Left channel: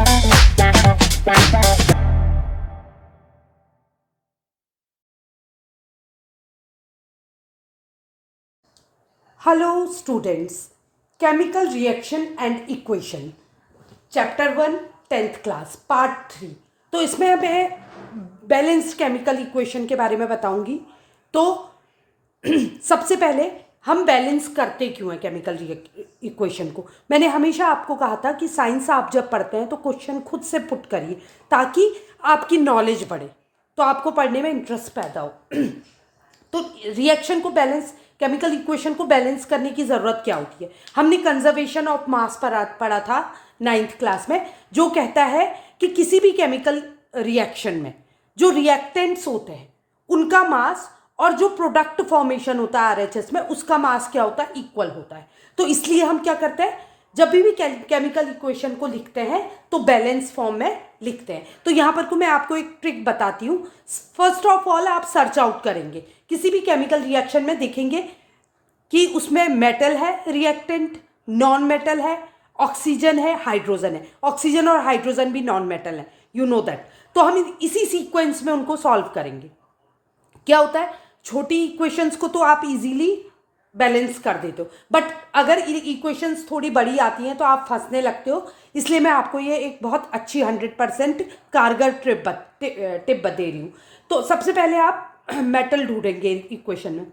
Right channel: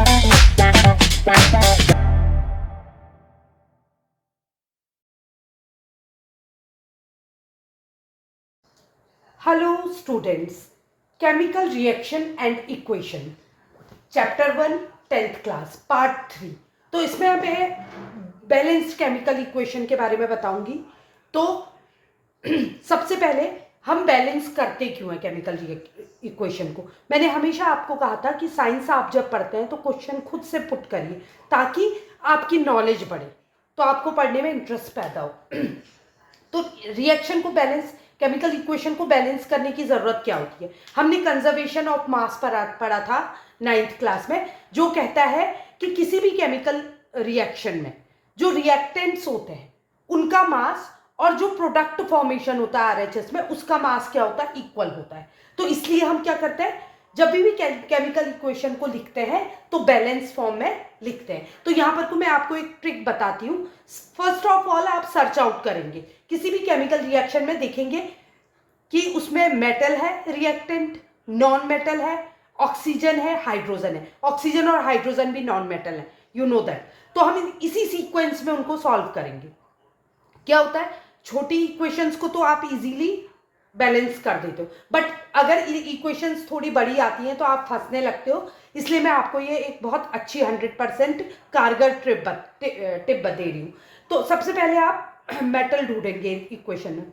Hello students, Chemical Reaction and Equation, Chapter 1, 10th class, Part 3। तो इसमें मैं balanced chemical equation के बारे में बताऊंगी। तो सबसे पहले हम बैलेंस करते क्यों हैं केमिकल इक्वेशन को। मैंने हमेशा आपको कहा था कि साइंस आप जब पढ़ते हैं तो क्वेश्चन खुद से पुट करिए ताकि आपकी नॉलेज बढ़े, तो आपको पढ़ने में इंटरेस्ट पैदा हो। तो रिएक्शन को बैलेंस, केमिकल इक्वेशन को बैलेंस करने की ज़रूरत क्या होती है। हमने कंजर्वेशन ऑफ मास पढ़ा था 9th क्लास में, जो कहता है कि किसी भी केमिकल रिएक्शन में जो रिएक्टेंट्स होते हैं उनका मास और जो प्रोडक्ट फॉर्मेशन होता है आरएचएस में उसका मास क्या होता है, इक्वल होता है। तो इसलिए हम क्या करते हैं, जब भी केमिकल इक्वेशन को लिखते हैं तो बैलेंस फॉर्म में लिखते हैं। तो यहां पर को मैं आपको एक ट्रिक बताती हूँ। फर्स्ट ऑफ ऑल आप सर्च आउट करेंगे किसी भी केमिकल रिएक्शन में, देखेंगे कि उसमें मेटल है रिएक्टेंट, नॉन मेटल है, ऑक्सीजन है, हाइड्रोजन है। ऑक्सीजन और हाइड्रोजन भी नॉन मेटल है, यू नो दैट। तो हम इसी सीक्वेंस में उनको सॉल्व करेंगे। क्या होता है, छोटी इक्वेशंस को तो आप इजीली बैलेंस कर देते हो, बट अगर इक्वेशंस थोड़ी बड़ी आती हैं तो आप फंसने लगते हो। इसलिए मैं आपको ये एक बहुत अच्छी 100% कारगर टिप दे रही हूँ। तो सबसे पहले आप मेटल ढूंढेंगे इक्वेशन में।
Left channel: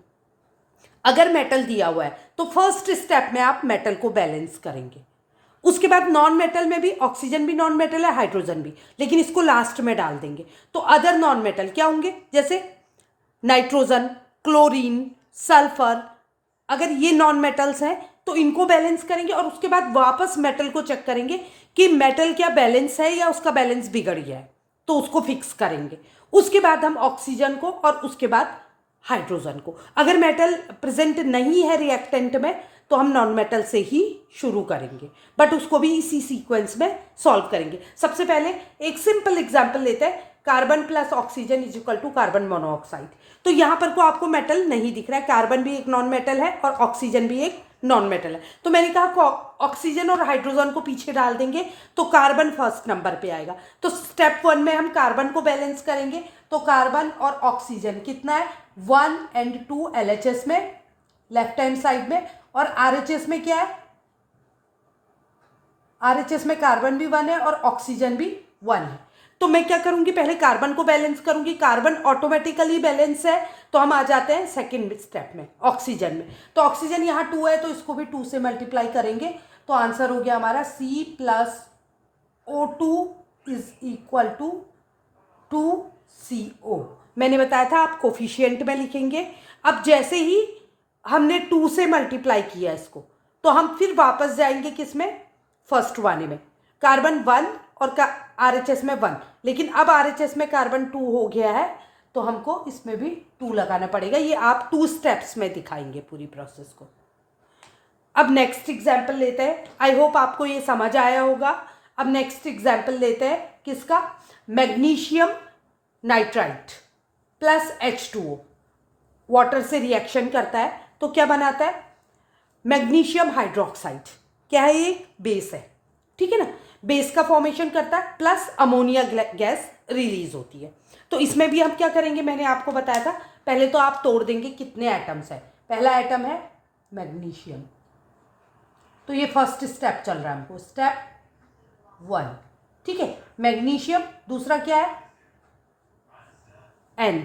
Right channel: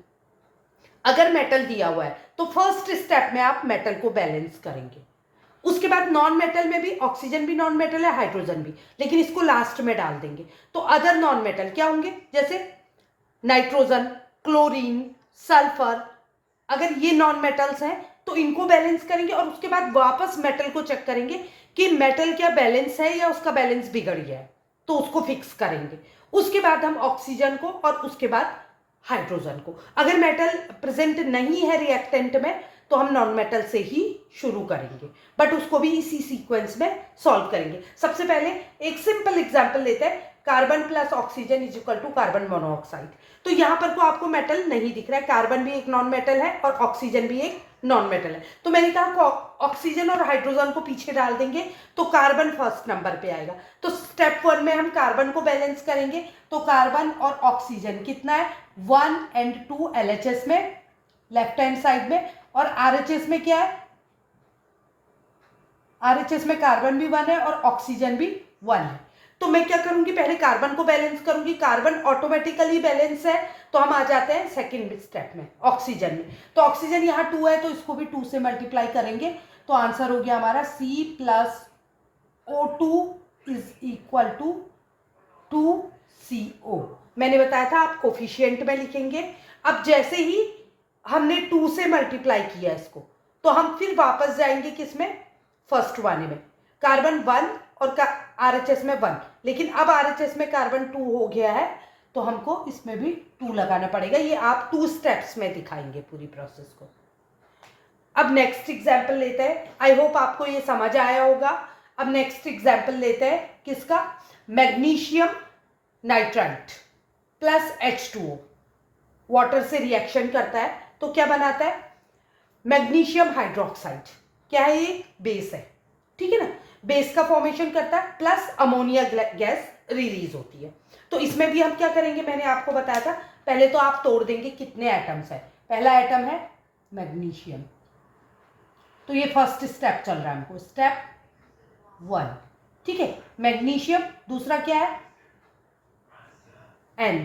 अगर मेटल दिया हुआ है तो फर्स्ट स्टेप में आप मेटल को बैलेंस करेंगे। उसके बाद नॉन मेटल में भी, ऑक्सीजन भी नॉन मेटल है, हाइड्रोजन भी, लेकिन इसको लास्ट में डाल देंगे। तो अदर नॉन मेटल क्या होंगे, जैसे नाइट्रोजन, क्लोरीन, सल्फर। अगर ये नॉन मेटल्स हैं तो इनको बैलेंस करेंगे और उसके बाद वापस मेटल को चेक करेंगे कि मेटल क्या बैलेंस है या उसका बैलेंस बिगड़ गया है, तो उसको फिक्स करेंगे। उसके बाद हम ऑक्सीजन को और उसके बाद हाइड्रोजन को। अगर मेटल प्रेजेंट नहीं है रिएक्टेंट में तो हम नॉन मेटल से ही शुरू करेंगे, बट उसको भी इसी सीक्वेंस में सॉल्व करेंगे। सबसे पहले एक सिंपल एग्जांपल लेते हैं, carbon plus oxygen is equal to carbon monoxide. तो यहां पर को आपको मेटल नहीं दिख रहा है, कार्बन भी एक नॉन मेटल है और ऑक्सीजन भी एक नॉन मेटल है। तो मैंने कहा ऑक्सीजन और हाइड्रोजन को पीछे डाल देंगे तो कार्बन फर्स्ट नंबर पे आएगा। तो स्टेप 1 में हम कार्बन को बैलेंस करेंगे। तो कार्बन और ऑक्सीजन कितना है, 1 and 2 LHS में, लेफ्ट हैंड साइड में, और RHS में क्या है, RHS में कार्बन भी 1 है और ऑक्सीजन भी 1 है। तो मैं क्या करूंगी, पहले कार्बन को बैलेंस करूंगी। कार्बन ऑटोमेटिकली बैलेंस है, तो हम आ जाते हैं सेकंड स्टेप में, ऑक्सीजन में। तो ऑक्सीजन यहाँ 2 है तो इसको भी 2 से मल्टीप्लाई करेंगे, तो आंसर हो गया हमारा C+O2 is equal to 2CO। मैंने बताया था आप कोफिशिएंट में लिखेंगे। अब जैसे ही हमने 2 से मल्टीप्लाई किया इसको, तो हम फिर वापस जाएंगे किसमें, फर्स्ट वाले में। कार्बन 1 और RHS में 1, लेकिन अब RHS में कार्बन 2 हो गया है तो हमको इसमें भी 2 लगाना पड़ेगा। ये आप 2 स्टेप्स में दिखाएंगे पूरी प्रोसेस को। अब नेक्स्ट एग्जाम्पल लेते हैं, आई होप आपको ये समझ आया होगा। अब नेक्स्ट एग्जाम्पल लेते हैं किसका, magnesium nitrite plus H2O water से रिएक्शन करता है तो क्या बनाता है, मैग्नीशियम हाइड्रोक्साइड। क्या है, ये बेस है, ठीक है ना, बेस का फॉर्मेशन करता है, प्लस अमोनिया गैस रिलीज होती है। तो इसमें भी हम क्या करेंगे, मैंने आपको बताया था, पहले तो आप तोड़ देंगे कितने एटम्स है। पहला एटम है मैग्नीशियम, तो ये फर्स्ट स्टेप चल रहा है हमको, स्टेप 1, ठीक है, मैग्नीशियम। दूसरा क्या है, N,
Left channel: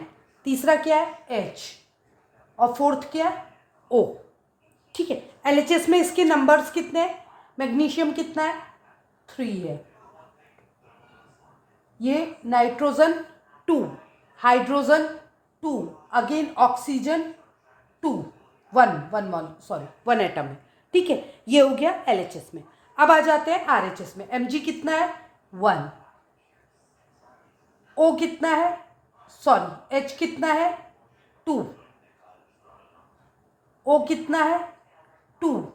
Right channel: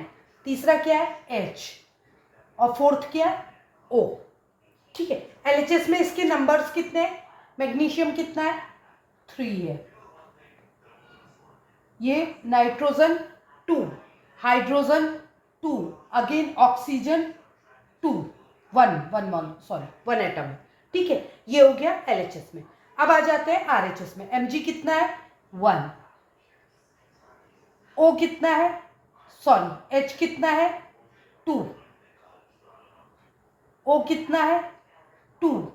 तीसरा क्या है, H, और फोर्थ क्या है, O, ठीक है। LHS में इसके नंबर्स कितने हैं, मैग्नीशियम कितना है, 3 है, ये nitrogen 2, hydrogen 2, again oxygen 2, 1 atom है, ठीक है। ये हो गया LHS में। अब आ जाते हैं RHS में। Mg कितना है, 1, O कितना है, सॉरी H कितना है, 2, O कितना है, 2,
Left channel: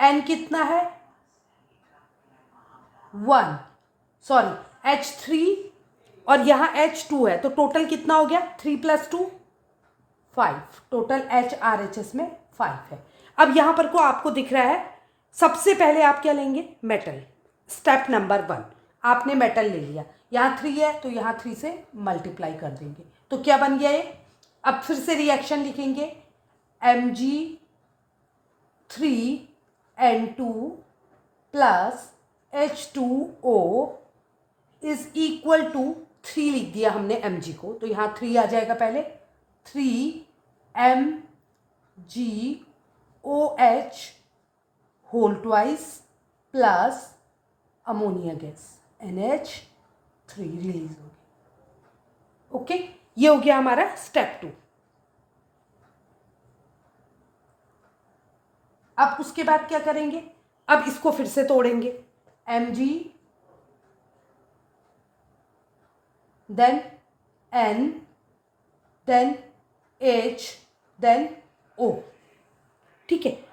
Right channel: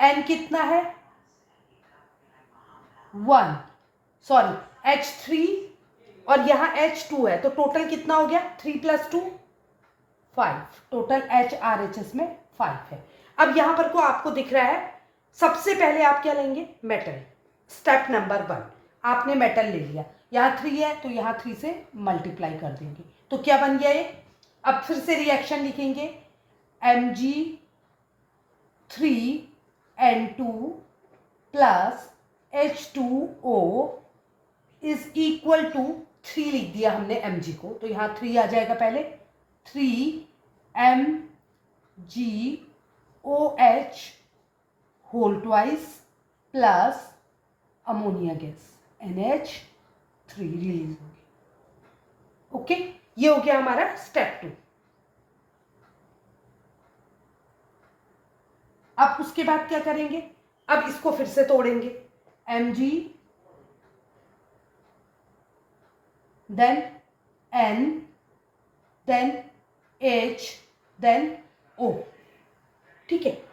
N कितना है, 1, सॉरी H3, और यहाँ H2 है, तो टोटल कितना हो गया, 3 + 2 5, टोटल RHS में 5 है। अब यहाँ पर को आपको दिख रहा है सबसे पहले आप क्या लेंगे, मेटल। स्टेप नंबर 1, आपने मेटल ले लिया, यहाँ 3 है तो यहाँ 3 से मल्टीप्लाई कर देंगे, तो क्या बन गया ये। अब फिर से रिएक्शन लिखेंगे, Mg3N2 plus H2O is equal to 3 लिख दिया हमने Mg को, तो यहाँ 3 आ जाएगा पहले, 3MgOH whole twice plus ammonia gas NH3 release हो गया। ओके, ये हो गया हमारा स्टेप 2। अब उसके बाद क्या करेंगे, अब इसको फिर से तोड़ेंगे, Mg then N then H then O, ठीक है।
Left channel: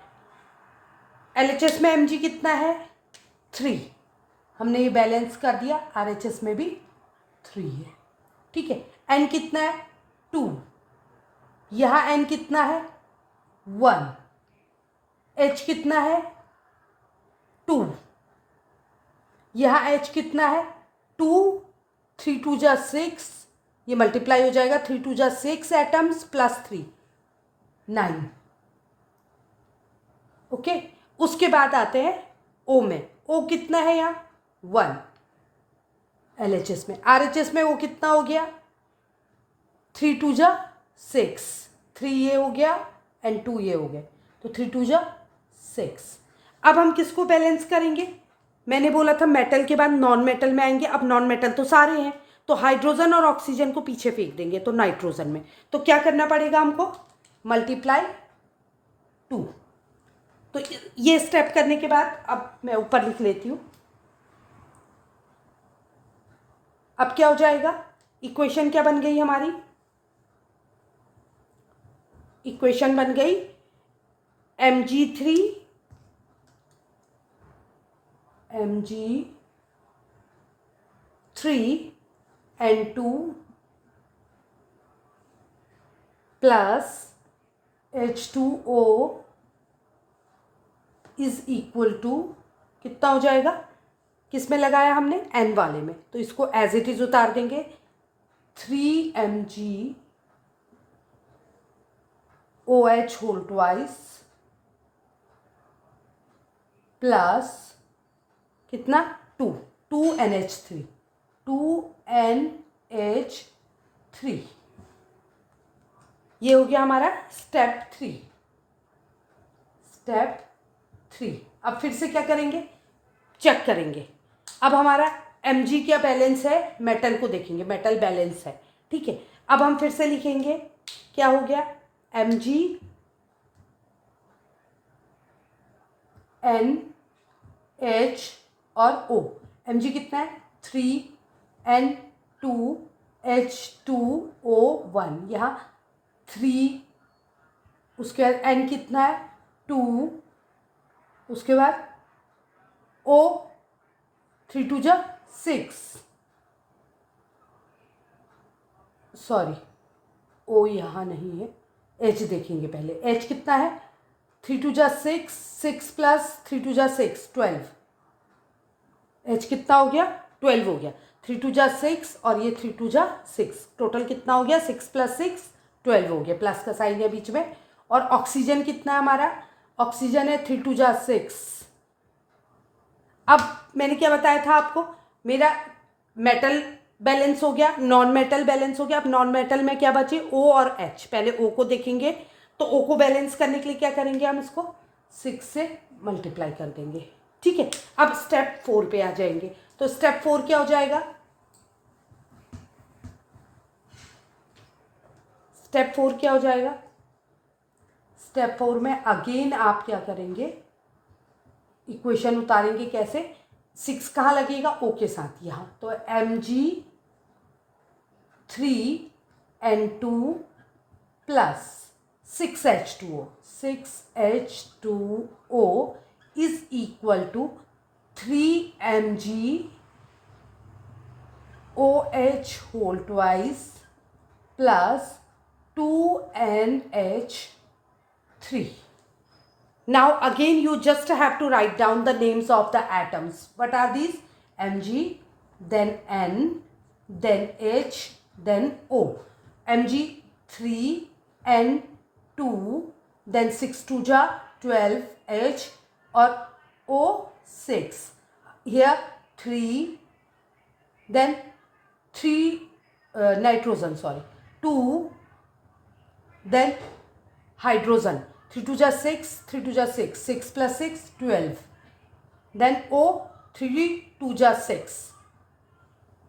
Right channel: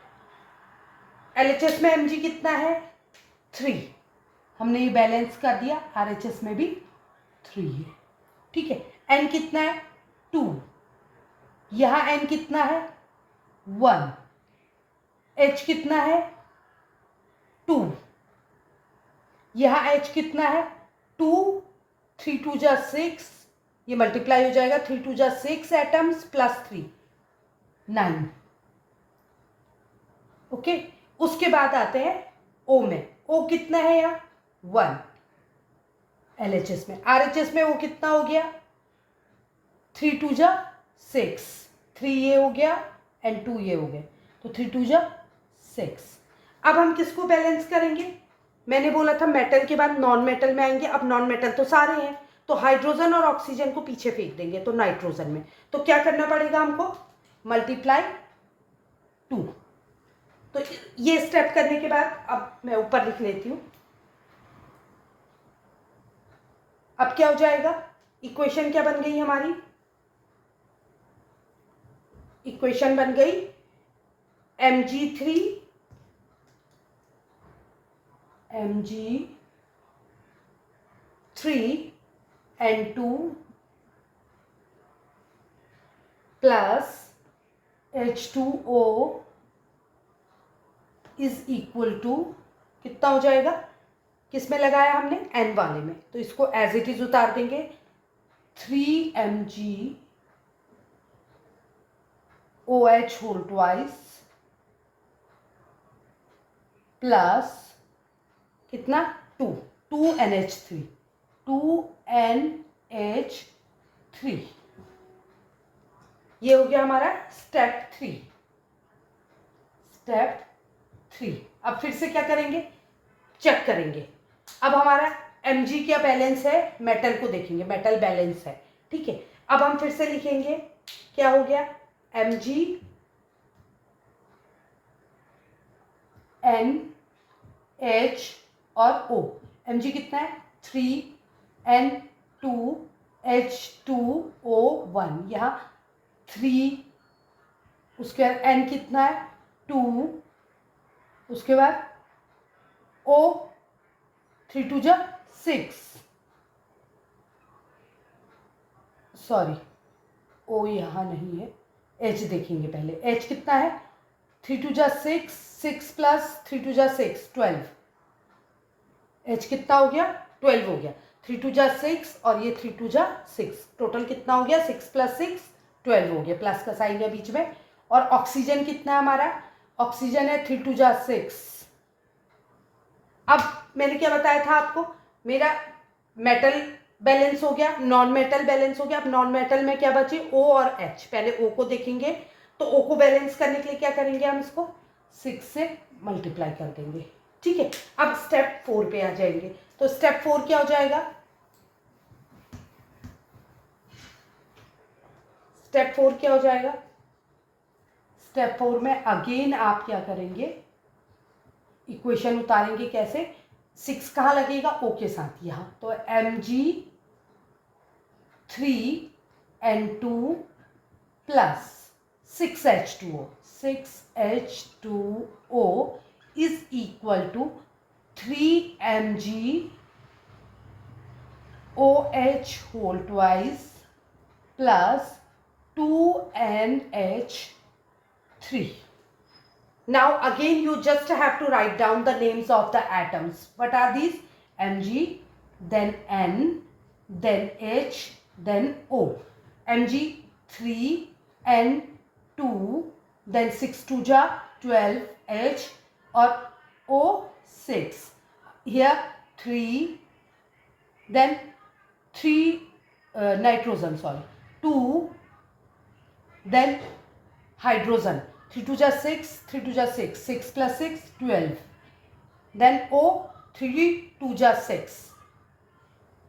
LHS में Mg कितना है, 3, हमने ये बैलेंस कर दिया, RHS में भी 3 है, ठीक है। N कितना है, 2, यहाँ N कितना है, 1, H कितना है, 2, यहाँ H कितना है, 2, 3 2 जा 6, ये मल्टीप्लाई हो जाएगा, 3 2 जा 6 एटम्स प्लस 3 9। ओके, उसके बाद आते हैं O में, O कितना है यहाँ, 1, LHS में। RHS में O कितना हो गया, 3 2 जा 6, 3 ये हो गया एंड 2 ये हो गया, तो 3 2 जा 6। अब हम किसको बैलेंस करेंगे, मैंने बोला था मेटल के बाद नॉन मेटल में आएंगे, अब नॉन मेटल तो सारे हैं, तो हाइड्रोजन और ऑक्सीजन को पीछे फेंक देंगे, तो नाइट्रोजन में, तो क्या करना पड़ेगा हमको, मल्टीप्लाई 2। तो ये स्टेप करने के बाद अब मैं ऊपर लिख लेती हूँ, अब क्या हो जाएगा, इक्वेशन क्या बन गई हमारी, इक्वेशन बन गई Mg3N2 plus H2O is equal to कितना हो जाएगा, किस में लगाया हमने, N वाले में, तो इसको एज इट इज उतार देंगे, 3MgOH होल ट्वाइस प्लस कितना, 2 2NH3 2NH3, ये हो गया हमारा स्टेप 3। स्टेप 3, अब फिर से क्या करेंगे, चेक करेंगे। अब हमारा Mg क्या बैलेंस है, मेटल को देखेंगे, मेटल बैलेंस है, ठीक है। अब हम फिर से लिखेंगे, क्या हो गया, Mg N H और O, Mg कितना है, 3N2H2O1, यहाँ 3, उसके बाद N कितना है, 2, उसके बाद O 3 2 जा 6, सॉरी O यहाँ नहीं है, H देखेंगे पहले, H कितना है, 3 2 जा 6, 6 प्लस 3 2 जा 6 12, H कितना हो गया, 12 हो गया, 3 2 जा 6 और ये 3 2 जा 6, टोटल कितना हो गया, 6 प्लस 6 12 हो गया, प्लस का साइन है बीच में। और ऑक्सीजन कितना है हमारा, ऑक्सीजन है 3 2 जा 6। अब मैंने क्या बताया था आपको, मेरा मेटल बैलेंस हो गया, नॉन मेटल बैलेंस हो गया। अब नॉन मेटल में क्या बचे, O और H, पहले O को देखेंगे, तो O को बैलेंस करने के लिए क्या करेंगे, हम इसको 6 से मल्टीप्लाई कर देंगे, ठीक है। अब स्टेप 4 पे आ जाएंगे, तो स्टेप 4 क्या हो जाएगा, स्टेप 4 क्या हो जाएगा, स्टेप 4 में अगेन आप क्या करेंगे, इक्वेशन उतारेंगे, कैसे, 6 कहाँ लगेगा, O के साथ यहाँ, तो Mg3N2 plus 6H2O is equal to 3MgOH whole twice plus 2NH3, Now again you just have to write down the names of the atoms. What are these? Mg, then N, then H, then O. Mg 3, N 2, then 6 2 ja 12, H, or O 6. Here 3, then 3 nitrogen, 2, then hydrogen. 3 2 ja 6, 3 2 ja 6, 6 plus 6 12, then O 3 2 ja 6.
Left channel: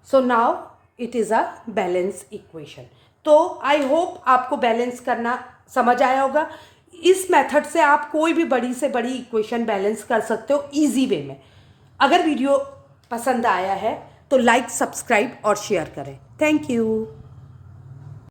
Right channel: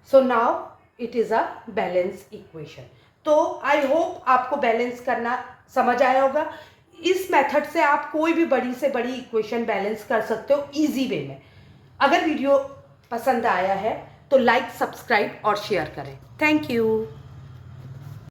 So now it is a balance equation. तो I hope आपको balance करना समझ आया होगा. इस method से आप कोई भी बड़ी से बड़ी इक्वेशन बैलेंस कर सकते हो इजी वे में. अगर वीडियो पसंद आया है तो लाइक, सब्सक्राइब और शेयर करें. Thank you.